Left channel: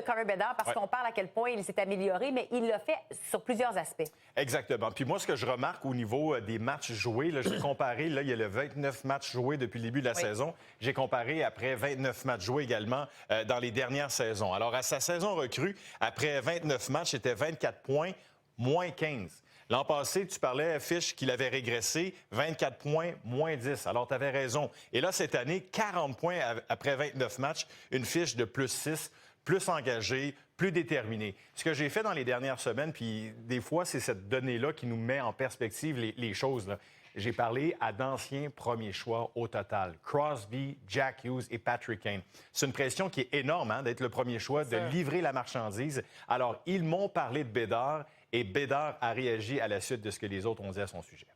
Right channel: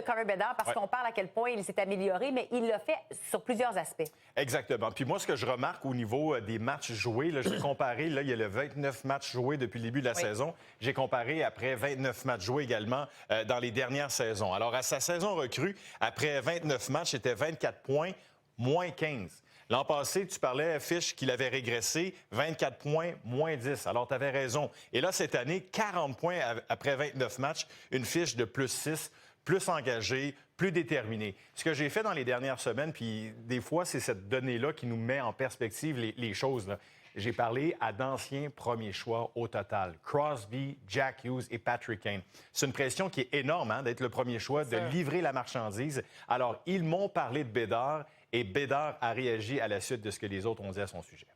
de Connor Bedard parce qu'on parle à quel point il s'est amélioré, mais il l'a fait sur plusieurs aspects. Exactement. Puis moi, ce que je remarque au niveau des matchs joués, là, j'ai comparé, là, il y a le 29 matchs joués depuis le début de la saison. J'ai comparé après 29 matchs joués également dans les dernières saisons. Alors, à sa saison recrue, après 29 matchs, c'était 24 points, moins 15. L'an passé, tu parlais, Fish, qu'il avait régressé, 24 points, moins 10. Alors, tu avais raison. Et là, cette année, 40 points après 29 matchs, une fiche de plus 6, plus engagé, plus déterminé. Ce que j'ai fait dans les dernières semaines, puis des fois, c'est cette donnée-là qui nous met en perspective les choses, là. J'ai parlé à d'anciens premiers choix au total. Crosby, Jack Hughes et Patrick Kane. C'est une pression qui est énorme, hein, d'être le premier choix, de livrer la marchandise. Alors, ils m'ont parlé de Bédard et Bédard a réagi à la suite de ce que les autres ont dit à son sujet.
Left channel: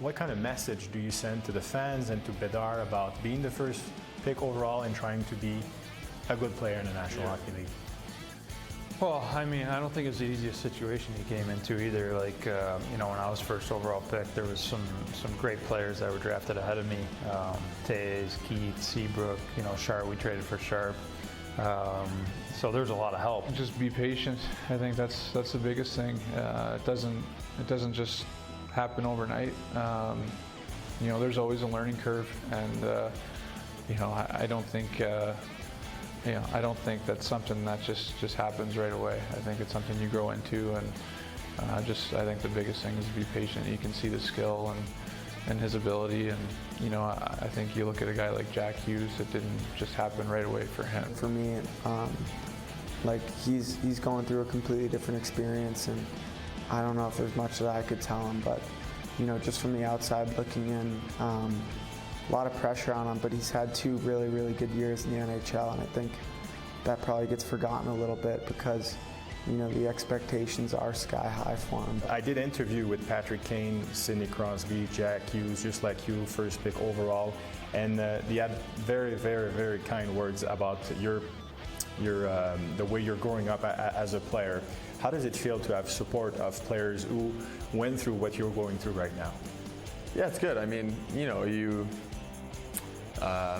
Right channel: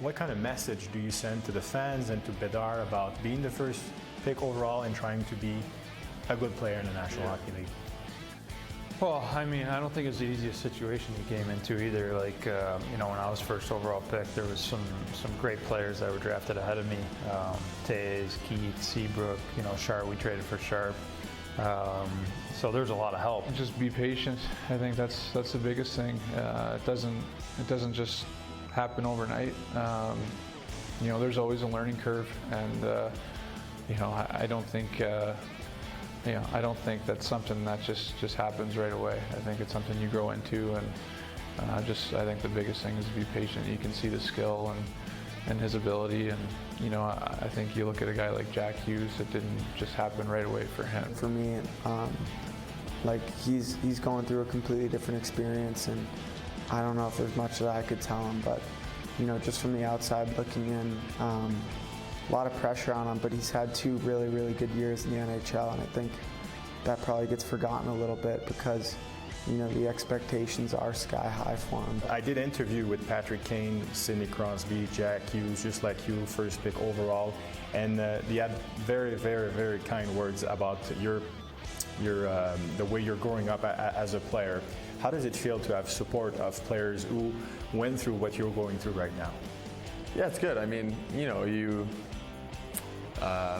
What kind of message do you send to the fans and to Bedard about being the first pick overall and trying to be a good player in the National Hockey League? Well, I mean, I don't think it's the easiest situation he came into either. Like, you know, when I was first overall pick, there was some great players that were drafted ahead of me. Taze, Keith, Seabrook, you know, Sharp, we traded for Sharp. So there's a lot of help. Just be patient. I think that's the biggest thing. It doesn't just happen overnight. You know, there's always a learning curve, and you know, I don't think. I don't think that's something that just happens right away. I think it's something you grow into, and I think the biggest thing is to be patient. You can see the skill and his ability, and you know, I think you look at a guy like Jack Hughes, it didn't just happen right away for him. For me, like he's going through a completely different experience, and I don't know if there's much that I could tell him, but you know, just from the outside looking in. A lot of pressure on him, but he's had 2 really, really good years in the NHL, and I think that probably gets forgotten a little bit because, you know, the expectations are sky high for him. I did interview with Patrick Kane, Sidney Crosby, Jack Hughes, just like you, first pick overall, and they had very, very, very kind words about your the way you're growing up as a player. How does it feel to have support of players who went through what you're going through right now? Yeah, it's good. I mean, you know,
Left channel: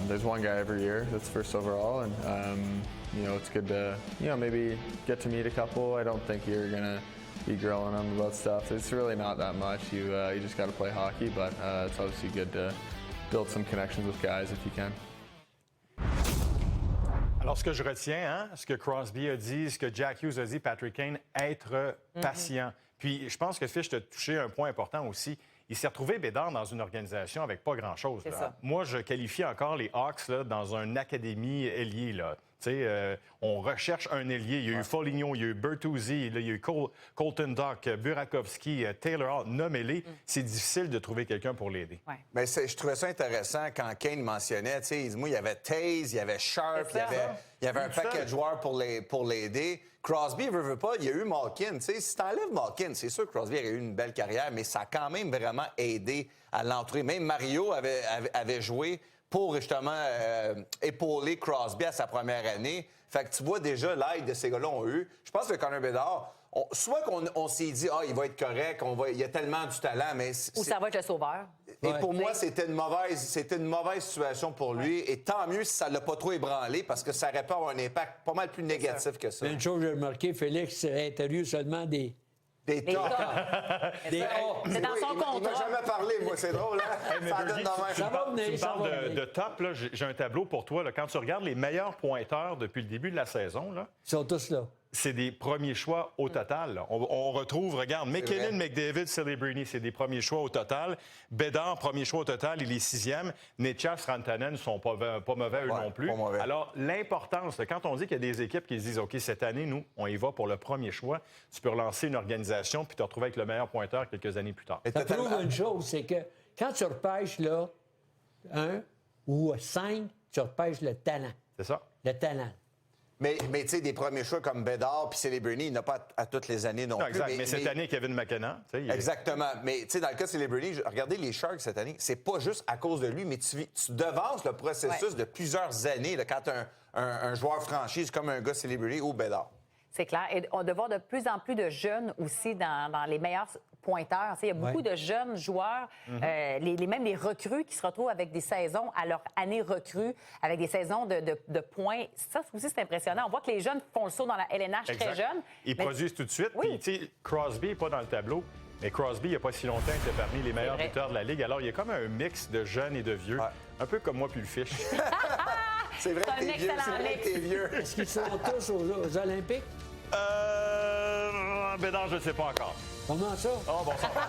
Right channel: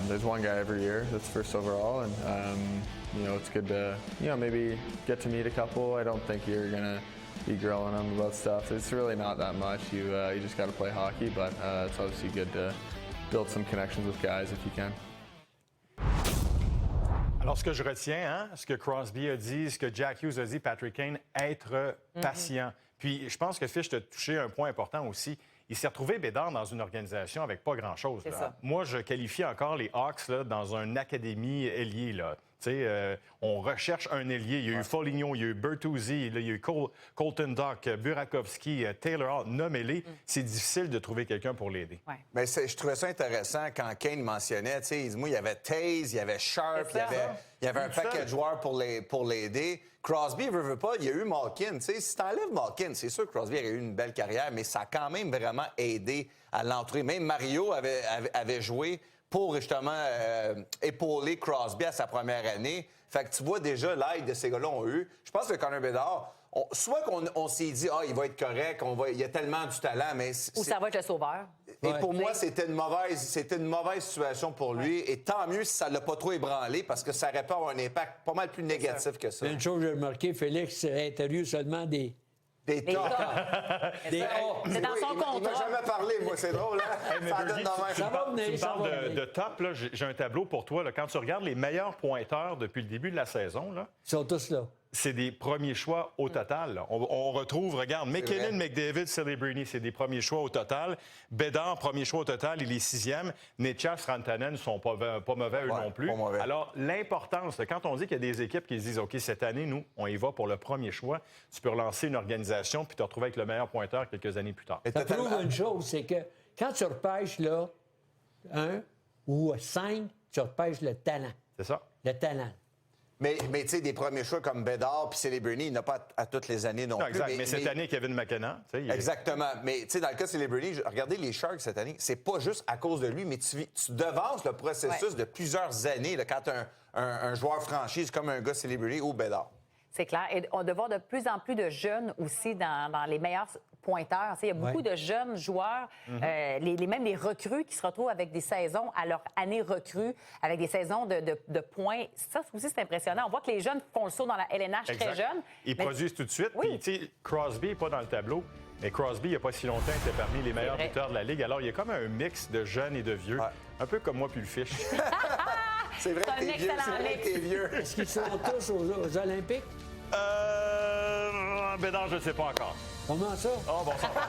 there's one guy every year that's first overall, and you know, it's good to, you know, maybe get to meet a couple. I don't think you're gonna be grilling them about stuff. It's really not that much. You just got to play hockey, but it's obviously good to build some connections with guys if you can. Alors, ce que je retiens, hein, ce que Crosby a dit, ce que Jack Hughes a dit, Patrick Kane, être patient. Puis, je pense que Fish t'a touché un point important aussi. Il s'est retrouvé Bédard dans une organisation avec pas grand-chose. Moi, je qualifie encore les Hawks là, dans une académie ailier. Là. On recherche un ailier. Il y a eu Foligno, il y a eu Bertuzzi, il y a eu Colton Dach, Burakovsky, Taylor Hall. Nommez-les. C'est difficile de trouver quelqu'un pour l'aider. Ouais. Mais je trouvais ça intéressant quand Kane mentionnait. Moi, il y avait Taze, il y avait Sharp, il y avait un paquet de joueurs pour l'aider. Crosby, veut pas, il y a eu Malkin. Si t'enlèves Malkin, c'est sûr que Crosby aurait eu une belle carrière, mais ça a quand même vraiment aidé à l'entourer. Même Mario avait joué pour justement épauler Crosby à sa première année. Fait que tu vois déjà l'aide de ces gars-là ont eu. Je pense que Connor Bedard, soit qu'on s'est dit, il va être correct, il a tellement du talent, mais... Ou ça va être le sauveur. Et pour moi, c'était une mauvaise situation pour lui. Et tant mieux si ça l'a pas trop ébranlé, parce que ça aurait pu avoir un impact pas mal plus négatif que ça. Une chose que j'ai remarqué, Félix a interviewé seulement des Des C'est dans son contrat. Il m'a jamais parlé, moi, c'est drôle, hein? Hey, Ça donne de même. tu me parles de top, là, j'ai un tableau pour toi. Là, quand tu regardes les meilleurs pointeurs depuis le début de la saison, là, Ils sont tous là. c'est des premiers choix au total. Là. On retrouve, regarde, McKinnon, McDavid, Celebrini, c'est des premiers choix au total. Bédard, premier choix au total, il est 6e. Netchas, Rantanen ne sont pas mauvais eux non plus. Alors, l'importance, quand on dit qu'il y a des équipes qui se disent, OK, cette année, nous, on y va pour le premier choix, tu peux relancer une organisation puis te retrouver avec le meilleur pointeur quelques années plus tard. Ça prouve une chose, c'est que quand tu repêches, là, 1 ou 5, tu repêches le talent. C'est ça. Le talent. Mais tu sais, des premiers choix comme Bédard puis Celebrini, il n'a pas à toutes les années non plus. Exact. Mais cette année, Kevin McKenna. Exactement. Mais tu sais, dans le cas de Celebrini, regardez les Sharks cette année, c'est pas juste à cause de lui, mais tu devances le processus de plusieurs années là, quand un joueur franchise comme un gars Celebrini ou Bédard. C'est clair. Et on doit voir de plus en plus de jeunes aussi dans les meilleures pointeurs. Il y a beaucoup de jeunes joueurs, même les recrues qui se retrouvent avec des saisons à leur année recrue, avec des saisons de points. Ça aussi, c'est impressionnant. On voit que les jeunes font le saut dans la LNH très jeunes. Ils produisent tout de suite. Oui. Puis, tu sais, Crosby n'est pas dans le tableau. Mais Crosby, il n'y a pas si longtemps, était parmi les meilleurs buteurs de la Ligue. Alors, il y a comme un mix de jeunes et de vieux. Ouais. Un peu comme moi puis le Fish. C'est vrai que t'es vieux, c'est vrai que t'es vieux. Est-ce qu'ils sont tous aux Olympiques? Ben non, je ne sais pas encore. Comment ça? Oh, bon, ça va.